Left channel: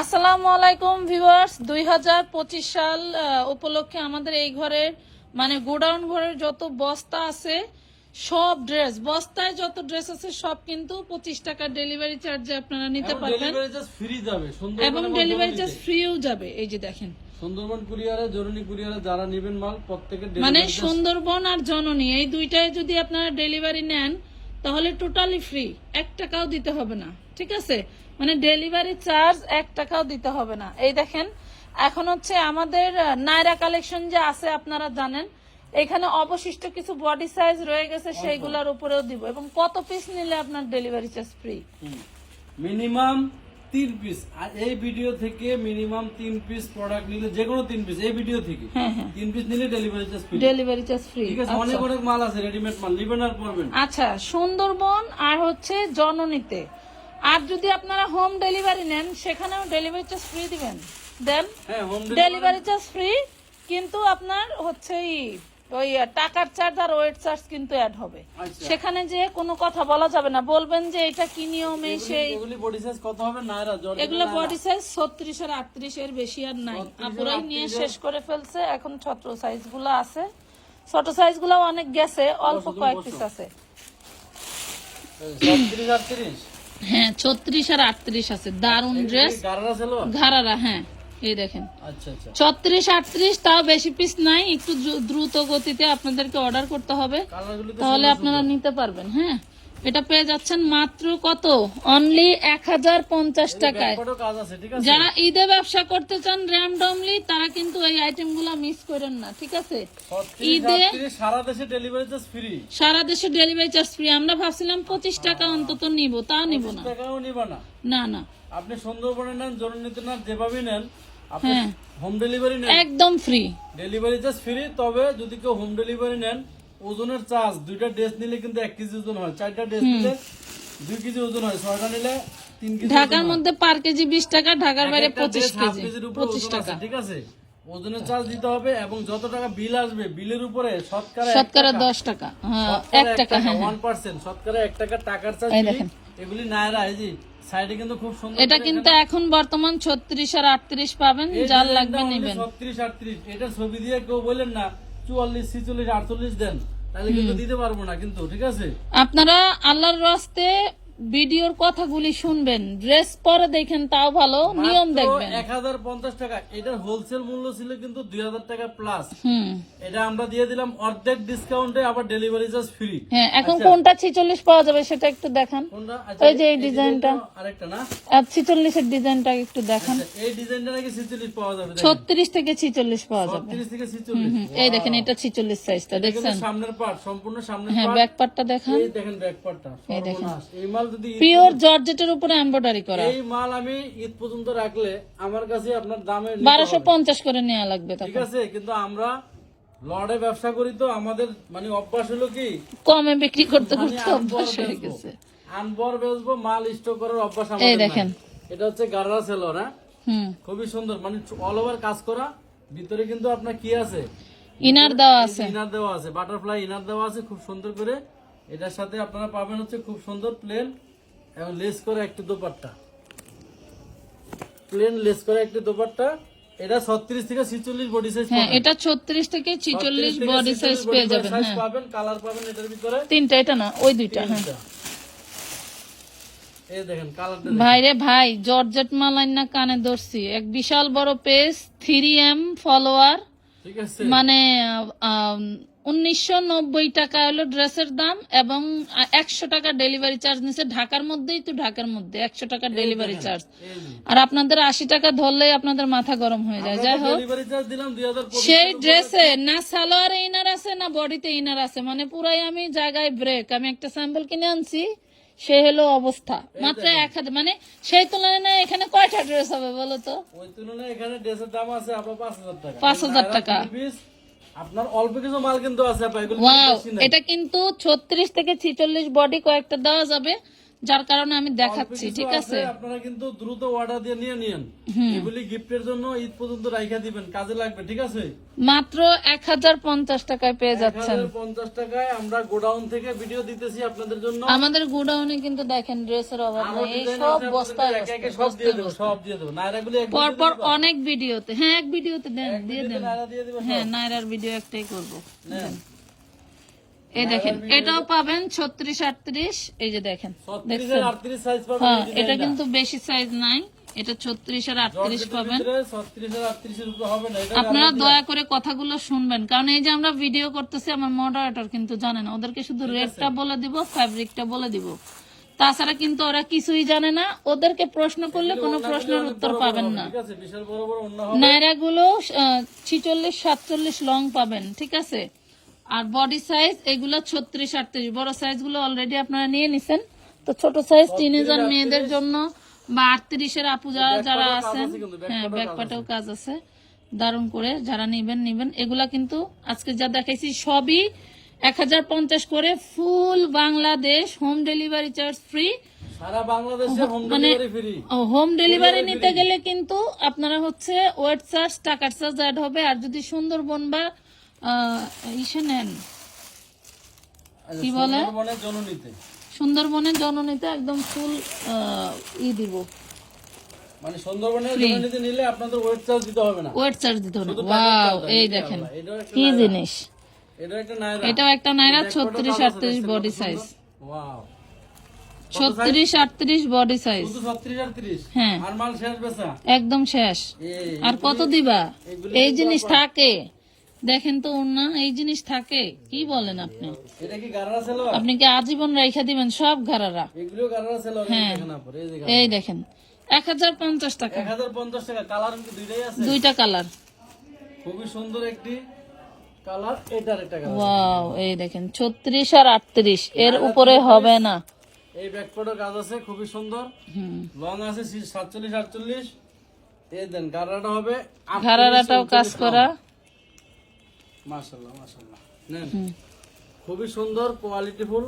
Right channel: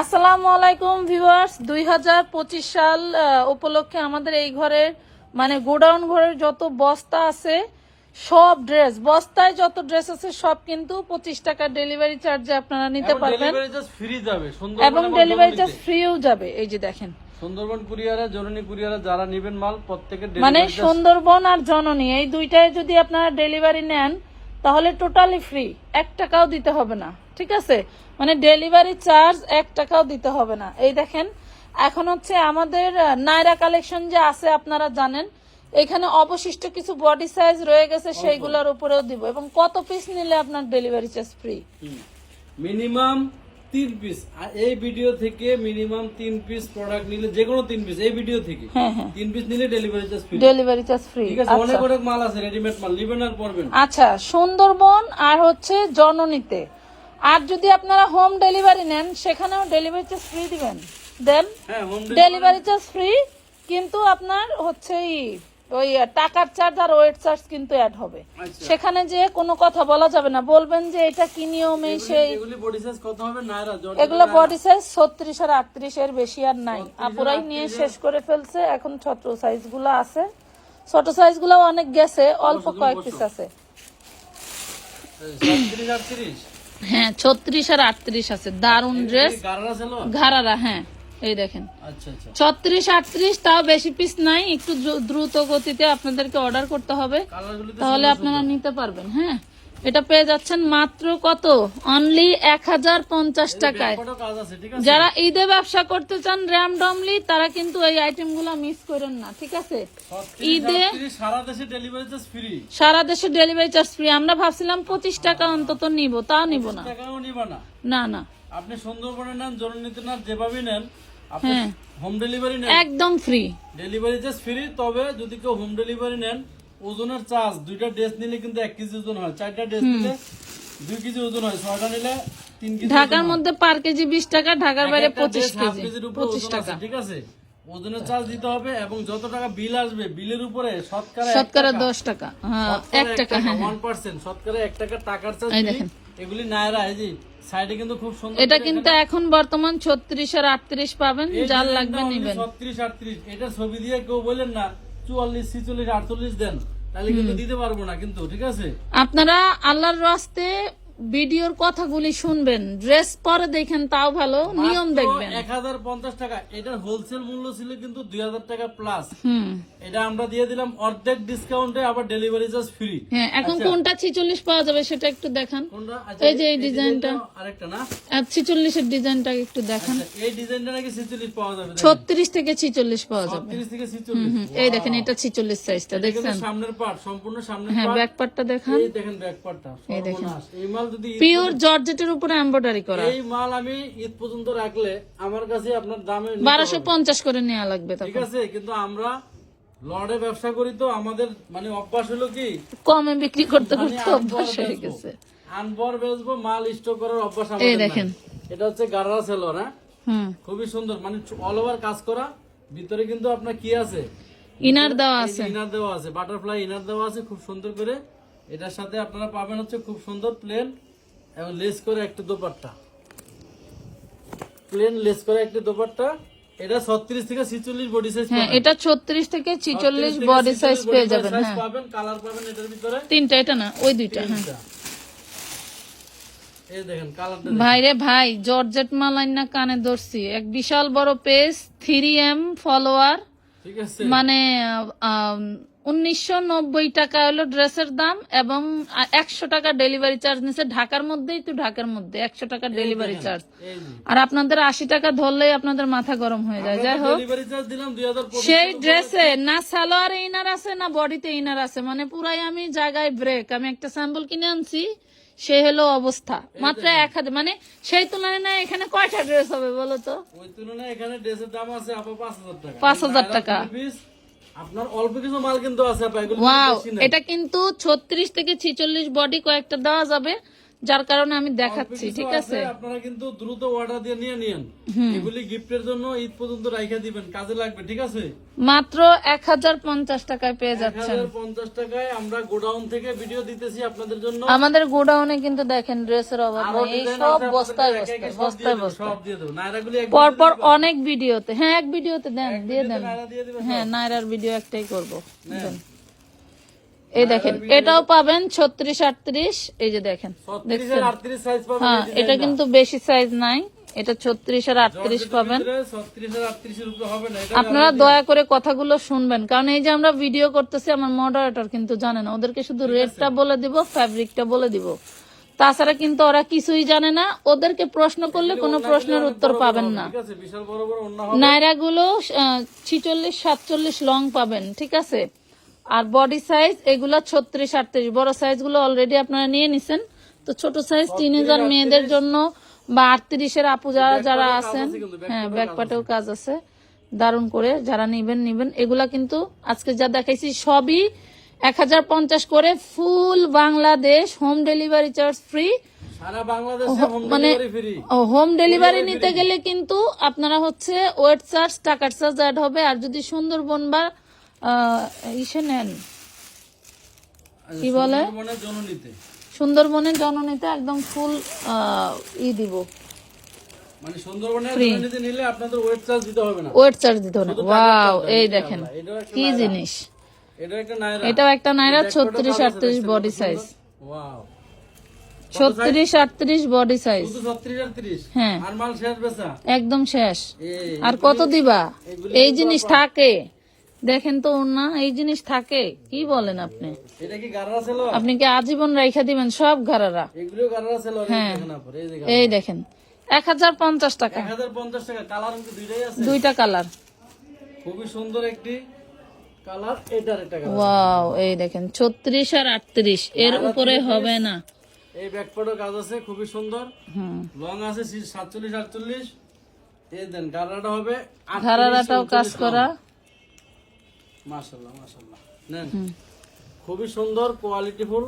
আসসালামু আলাইকুম ভিউয়ার্স। দুই হাজার পঁচিশ সাল উপলক্ষে আমাদের এই ঘরের মানে গোডাউন ঘরের যত বস্তা আছে সব ড্রেস বস্তায় যত ড্রেস আছে সব কিন্তু পঁচিশ টাকা ডেলিভারি চার্জে আপনারা নিতে পারবেন। এবং ডেলিভারি চার্জ ফ্রিও যাবে এই যে দেখেন। সুন্দরবন কুরিয়ারে জরুরি কুরিয়ারে যারা নেবেন মাল প্রত্যেকের মানে সুন্দরবন আর জননী এই দুইটায় যদি আপনারা ডেলিভারি নেন তাহলে টোটালি ফ্রি এক টাকাও দিতে হবে না। ঠিক আছে? মানে ডেলিভারি চার্জ এক টাকাও দিতে হবে না। এই দেখেন এখন হচ্ছে আমাদের নায়রা কালেকশন যে আছে আপনারা জানেন এখানে অবশিষ্ট কিছু বডি সাইজ রয়ে গেছে সেইগুলোর উপরেও দিব। এবং কত পিস নিলে আপনার ডেলিভারি চার্জ ফ্রি মিনিমাম তিন পিস আর এই ভিডিও থেকে মিনিমাম তিন পিস প্রোডাক্ট নিলে যে কোনো তিন পিস এই ভিডিও থেকে হ্যাঁ হ্যাঁ। তিন পিস নিলে delivery charge free delivery charge free ঠিক আছে অনেক অনেক মাল আছে রেডিমেড মাল নিবেন আর পরবেন আচ্ছা সুন্দরবন আর হচ্ছে জননীতে। আর যদি আপনারা হোম ডেলিভারি নেন সেখানেও ডেলিভারি চার্জ ফ্রি দিবেন। দেন ডেলিভারি চার্জ ফ্রি কিন্তু আপনার হচ্ছে ওই টাকার চার্জ আর ওয়েট চার্জ কিন্তু অ্যাড হবে। আচ্ছা। সেখানে যে কোনো কথা বলা যাবে না। বলবেন যে এটা কি নিয়ম এই সেই এগুলি বডি সাইজ কত হবে? এগুলো বডি সাইজ ছত্রিশ আর আটত্রিশ এর বেশি আর নাই। আপুরাই নিয়ে শেষ করে ফেলছে। এখন ছোট সাইজগুলো আছে। ছোট সাইজগুলো অনেক গেছে অল্প কয়েক পিস আছে। ছত্রিশ আটত্রিশ। হ্যাঁ ছত্রিশ আর আটত্রিশ আছে। দারুণ ড্রেস ঘাড়ারা হ্যাঁ এই দেখেন। আচ্ছা আচ্ছা। ছত্রিশ আটত্রিশ তাও বেশি পিস নাই। একটু দ্রুত গতিতে আপনাদেরকে অর্ডার করতে হবে। তাহলে আপনারা নিতে পারবেন হ্যাঁ। এটা পেয়ে যাচ্ছেন মাত্র কত? অনলি এক হাজার পঞ্চাশ টাকায়। যারা ঈদে ব্যবসা করতে চান র্যামডমলি তারা কিন্তু এই আইটেমগুলা মিস করেন না ঠিক আছে? ঈদে সারা দেশে ডেলিভারি চার্জ ফ্রি সারা দেশে ডেলিভারি চার্জ ফ্রি আমরা ভাবছিলাম পঁচিশ টাকা অন্তত নিব তা নিব না। না। না না। আপনি সুন্দরবনে নেন জরুরিতে নেন যেভাবে নেন আপনি হ্যাঁ। হোম ডেলিভারি নেন। একদম ফ্রি ডেলিভারি চার্জ ফ্রি তবে যদি কেউ হোম ডেলিভারি নেন ওজনের চার্জ দুইটা ড্রেস নিলে কিন্তু এক কেজি ওজন হয়। চারটা ড্রেস নিলে দুই কেজি ওজন হয়। ছয়টা নিলে ঢাকার মধ্যে পার কেজি বিশ টাকা ঢাকার বাইরে পঁচিশ কেজি। কেজির উপরে পঁচিশ টাকা। ঠিক আছে? ওজনের চার্জ দিতে হবে এবং যত টাকা বিল আসবে বিলের উপরে শতকরা শতকরা দশ টাকা। হ্যাঁ এক টাকা হ্যাঁ ওয়ান পার্সেন্ট শতকরা এক টাকা টাকার চার্জ এগুলি নায়রা এই যে সাইডে কিন্তু খুব সুন্দর এটা কিন্তু এখন বর্তমান ছত্রিশ আর আটত্রিশ পাবেন যার লাগবে নেবেন। ছত্রিশ আটত্রিশ এটা ছবি দিয়ে কেউ বললেন না চুয়াল্লিশ ছিচল্লিশ আটচল্লিশ দেন তাহলে কিন্তু দিতে পারব না কিন্তু ঠিক আছে? আপনারা আল্লাহর রাস্তে ভিডিওর কথাগুলি শুনবেন ড্রেস পরে দেখেন তাও ভালো নিয়ম দেখবেন। এক হাজার পঞ্চাশ টাকা। এটার হোলসেল মূল্য ছিল কিন্তু দুই হাজার টাকা প্লাস এটা আমরা দিয়ে দিলাম অর্ধেক ডিসকাউন্টে আবার ডেলিভারি চার্জ ফ্রি হ্যাঁ এখন কোনটা ছিচল্লিশ পাওয়া যাবে সেটা একটু দেখান। আচ্ছা, এই যে এই ডিজাইনটা। আরেকটা না ছিচল্লিশের ডিজাইনটা একটু দেখান। আচ্ছা, এই ডিজাইনটা নাকি ছিচল্লিশ পাওয়া যাবে ছত্রিশ থেকে ছিচল্লিশ পাওয়া যাবে। ছত্রিশ থেকে ছিচল্লিশ। এই দেখেন এটা ছিচল্লিশ সাইজটা দেখছেন? সামনের পার্ট সম্পূর্ণ সামনের হ্যাঁ ব্যাক পার্টটা দেখান। এই দেখেন ব্যাক পার্টটা সর্বনাশ। এই মাল যদি পিওর জর্জেটের উপরে এমব্রয়ডারি করা। এই মাল আমি ঈদ পর্যন্ত রাখলে আমার কাছে আপনার দামে নিতে বারোশো হবে। পঞ্চাশ করে নেওয়া লাগবে ঠিক আছে কিন্তু আমরা লড়ে ব্যবসা করি তো আমাদের মানে অভ্যাস হলো কি? কমে বিক্রি করতে করতে অভ্যাস হয়ে গেছে। আনবর বেচবো মাল স্টক করার অভ্যাস আমাদের নাই। দেখেন। এটা হচ্ছে গাররা সেলর হ্যাঁ? খুবই সুন্দর মানে অল ওভার কাজ করা। ভিতরে কিন্তু আপনার কি আছে? ইনার দেওয়া আছে। ইনার দেওয়া আছে বাটারফ্লাই ইনার দেওয়া আছে খুব সুন্দর করে। এটার সাথে আপনারা পাবেন হচ্ছে খুব সুন্দর প্লেন এবং লেস করে একটা দোপাট্টা। প্লেন লেস করে একটা দোপাট্টা। এটা ছত্রিশ থেকে ছিচল্লিশ বডি সাইজ হ্যাঁ এটা ছত্রিশ থেকে ছিচল্লিশ বডি সাইজ পেয়ে যাবেন হ্যাঁ। পাবেন কালার পাবেন এটার ভিতরে। তিনটা এটা না ওই দুইটা হ্যাঁ। তিনটা। এই দেখেন কালারটা ভাই রে ভাই জর্জেট মালাইন না কানে এক বিশাল বড় পেজ ফলোয়ার ঠিক আছে। মানে উনিশশো নব্বই টাকা হলো ড্রেসের দাম এবং একশো টাকা ডেলিভারি চার্জ নিছে ঢাকার মধ্যেই তো ঢাকার মধ্যে একশো টাকা ডেলিভারি চার্জ। আর আপনাদের আশি টাকা ধরলেই আপনাদের মাথা গরম হয়ে যায়। যাই হোক সেই ড্রেসে না সালোয়ারে ইনার আছে না বডিতে ইনার আছে। মানে পুরাই আমি জায়গায় ব্রেক আমি একটা স্যাম্পল কিনে আনছি সে হলো অবস্থা। মাত্র এক হাজার মানে সেই তুলনায় না এখানে কয়টা ড্রেস হবে বলো তো? ওই তুলনায় এখানে ড্রেসের দাম আছে পাঁচ হাজার টাকা। পাঁচ হাজার টাকা। পিস আপনার অল্প কিছু মাল কিন্তু আছে ওয়াও এটা কিন্তু ছত্রিশ থেকে ছিচল্লিশ বডি কয়েকটা দেওয়া যাবে। যার কারণে আমি দেখাচ্ছি ঠিক আছে আপনারা কিন্তু দ্রুত অর্ডার দিয়ে নিয়ে নিন এগুলি গিফটের জন্য ঈদ পর্যন্ত রাইখা দিবেন কাজে লাগবে ঠিক আছে? মাত্র এক হাজার পঞ্চাশ টাকায় পেয়ে যাচ্ছেন। হাজার পঞ্চাশ টাকায় আমরা গোডাউন থেকে ভিডিও দিতেছি আপনাদের জন্য। আমাদের গোডাউনে কিন্তু দেখেন ড্রেসের অভাব সব বস্তায় বস্তায়, সব দিয়ে দেবো। পরপর অনেক ভিডিওতে হ্যাঁ এক ভিডিওতে দেন দিয়ে দেন। হ্যাঁ নায়রার ভিডিও একটাই করব। দেন। এই দেখেন এটাও পাবেন ছত্রিশ আটত্রিশ এই যে দেখেন হ্যাঁ এটা কিন্তু বেশি সাইজ নাই এটা ছত্রিশ আর আটত্রিশ পাবেন। আপনারা দয়া করে কথাগুলো শুনবেন কারণ এই যে আমরা ভিডিও করতেছি আমার মডারেটর কিন্তু জানে না ওদেরকে শুধু রেটটা বলে দিব ফ্যাব্রিকটা বলে দিব। তাছাড়া কিন্তু ওরা কিছুই জানে না ওদেরকে প্রশ্ন করলে কোনো প্রশ্নের উত্তর পাবেন না। অন্য নায়রাগুলো ছিচল্লিশ সাতচল্লিশ লং পাবেন ঠিক আছে? আর বডি সাইজ এগুলো ছত্রিশ আটত্রিশ। বড় সাইজগুলো অলরেডি আপনারা নিয়ে নিছেন। তো ছোট সাইজ টিনেজার মেয়েদের জন্য বা আটত্রিশের আপু যারা যারা আছেন হ্যাঁ ব্যাকপাটেও কাজ আছে। দারুণ করে যারা নিবেন নিবেন। এগুলা কিন্তু আজকে যা দেখাইছি সবই এক হাজার পঞ্চাশ করে full Bangladesh home delivery charge free মানে হোম ডেলিভারি নিতে গেলে কিন্তু আপনারা হচ্ছে ওয়েট চার্জ টাকার চার্জ অ্যাড হবে। আর যদি সুন্দরবন বা ইসে নেন। কি বলে? মানে সুন্দরবনের জননীতে একদম ফুল ই দিব। মানে সুন্দরবনের জননীতে নিলে আপনাদের ওয়েট চার্জ দিতে হবে না। ওয়েট চার্জ দিতে হবে ওয়াও এই দেখেন কি জিনিস। এটাও একটা নাইরা ছত্রিশ আটত্রিশ বডি সাইজ ওয়াও ছত্রিশ আটত্রিশ বডি সাইজ হ্যাঁ। একদম শেষ। আর কত দিবা? এই জিনিস থাকে। দেখেন তো ওর না এই জিনিস থাকে। কি বলেন আপনি? এটা কি আপনি কি আজীবন রাইখা দিবেন? সব ঘরারা গারারা হ্যাঁ। এই দেখেন এক হাজার পঞ্চাশ টাকা। দুইটা কালার। খুবই সুন্দর একটি ওয়াও এই দেখেন ছত্রিশ আর আটত্রিশ। এর উপরে হবে না। এই ব্যাকপার্টও কাজ আছে খুবই সুন্দর। হুম। লং আছে সাতচল্লিশ আটচল্লিশ। এই দেন গারাটা হবে ঘরারাটাও কাজ করা। মাশাল্লাহ মাশাল্লাহ নেন। খুবই সুন্দর কোয়ালিটিফুল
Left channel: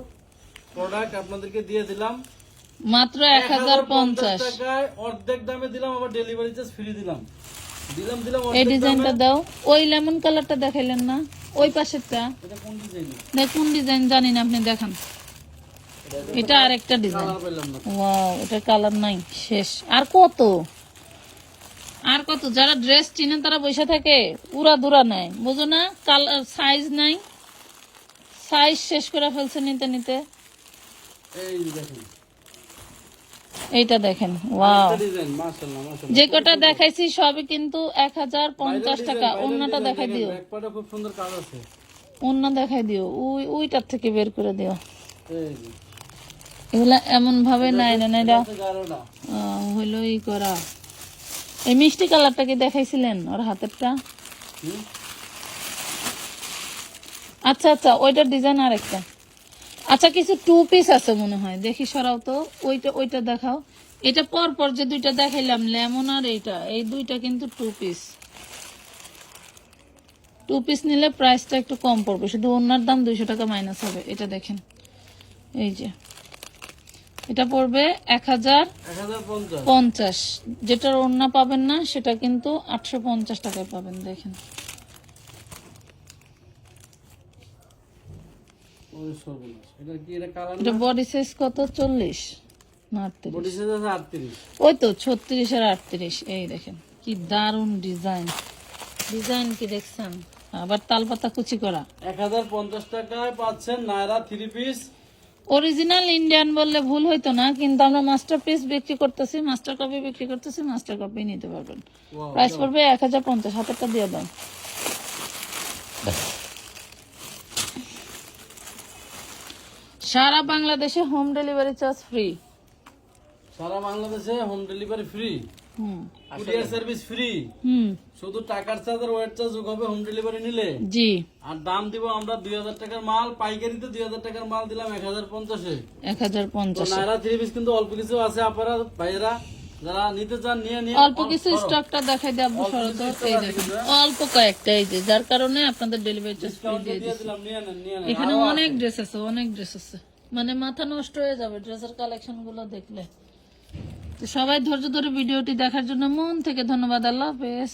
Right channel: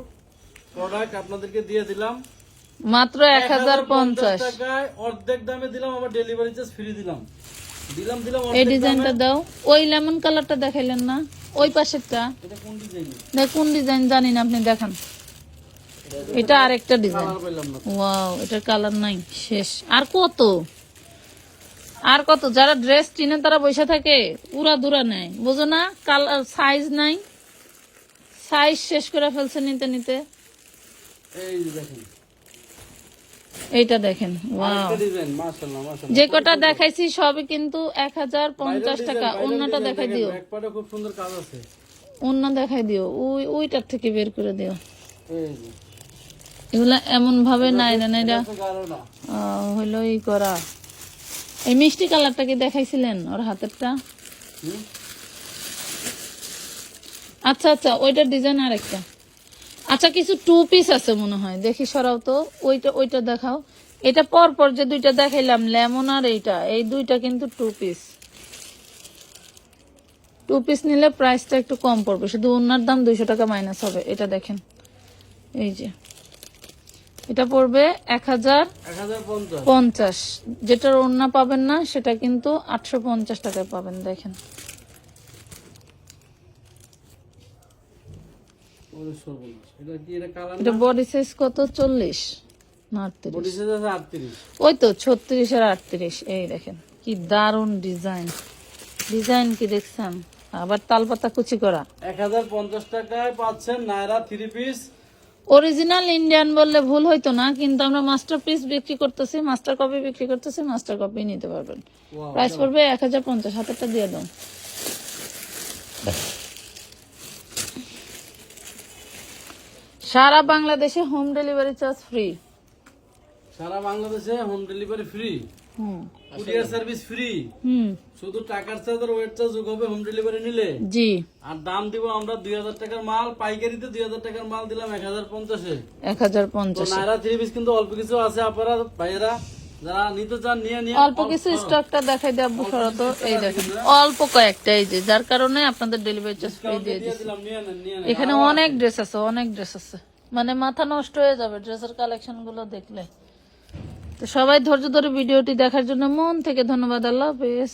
প্রোডাক্ট আপনাদেরকে দিয়ে দিলাম। মাত্র এক হাজার পঞ্চাশ। টাকায় অর্ধেক দামে দিলাম আবার ডেলিভারি চার্জ ফ্রি দিলাম। দিলাম দিলাম এই ডিজাইনটা দাও। ওই লেমন কালারটা দেখাইলেন না? ওই পাশেরটা? এটা কোন ডিজাইন দেখুন ডিজাইন জানি না আপনি দেখান। এটা আরেকটা ডিজাইন ওয়াও এটার কালার নাই শেষ। আর কত? আর কত যারা ড্রেস চিনে তারা বসে থাকে উড়া দুরা নেয় বুঝো না? কালার সাইজ নাই। সাইজ শেষ করে ফেলছে নিতে নিতে। এইটা দেখেন ওয়াও যে কটা দেখাইছি সবই কিন্তু এক হাজার পঞ্চাশ টাকা অন্যটা দেখাই দিও। ব্যাকপার্টে খুব সুন্দর কাজ আছে। অন্য দেখাই দিও ওই ওইটার থেকে বের করে দিও। এগুলা এমন ভাবে নাই না এটা হইল ই করা। এই মিষ্টি কালারটা কি দেখাইছিলেন ওর হাতেরটা? আচ্ছা আচ্ছা ওইটার ডিজাইন আরেকটা। আচ্ছা কিছু টু পিস আছে মনে হয়। দেখি সরাও তো। ওইটা ওইটা দেখাও। এটা পর পর যে দুইটা দেখাইলাম লেমন আর এইটা। এই দুইটা কিন্তু টু পিস টু পিস নিলে প্রাইসটা একটু কম পড়বে। শুধু ওনার দাম দুইশো টাকা মাইনাস হবে। এটা দেখেন। এই যে। এটা পড়বে এক হাজার পঞ্চাশ। যেটার ওড়না পাবেন না সেটা কিন্তু আটশো পঞ্চাশ টাকায় পাবেন দেখেন। এটা বডি সাইজ কত? চল্লিশ ওই তো ছত্রিশ আর আটত্রিশ। এই দেখেন কি দারুণ ডিজাইন। ডিজাইন কি দেখছেন? আবার তালপাতা কুচি করা। এক হাজার পঞ্চাশ টাকায় পাচ্ছেন নায়রা থ্রি পিস অরিজিনাল ইন্ডিয়ান বললে ভুল হইতো না কিন্তু আমরা মাস্টার পিস বিক্রি করতেছি মাস্টার কপি বিক্রি করতেছি মাস্টার কপি নিতে পারবেন। প্রাইস পড়বে এক হাজার পঞ্চাশ হাতেরটা দিয়ে দেন সারা বাংলাদেশে হোম ডেলিভারি চার্জ ফ্রি সারা বাংলাদেশে home delivery free courier service free. শুধু টাকার চার্জ আর ওয়েট চার্জ যোগ হবে হোম ডেলিভারি নিলে। জি। আর দাম দিব আমরা দুই হাজার টাকার মাল পাইকারিতে দুই হাজার টাকার মাল দিলাম এক হাজার পঞ্চাশে। এক হাজার পঞ্চাশ। থ্রি পিস কিন্তু অল্প কিছু আছে আপনারা ভাইয়েরা যারা নিতে চান নিয়ে নিয়ে অল্প কিছু স্টকটা দেখাই দিয়ে আব্বু এই দেখেন অল্প কয়েকটা এই যে যার কারণে আপনাদের ডেলিভারি চার্জ ফ্রি দিয়ে দিলাম এখানে অনেক ড্রেস আছে অনেক ড্রেস আছে। মানে মাথা নষ্ট হয়ে যাবে ড্রেসের কালেকশনগুলো দেখলে। সবাই ধৈর্য ধরে ভিডিওটি দেখার জন্য মন থেকে ধন্যবাদ। আল্লাহ হাফেজ।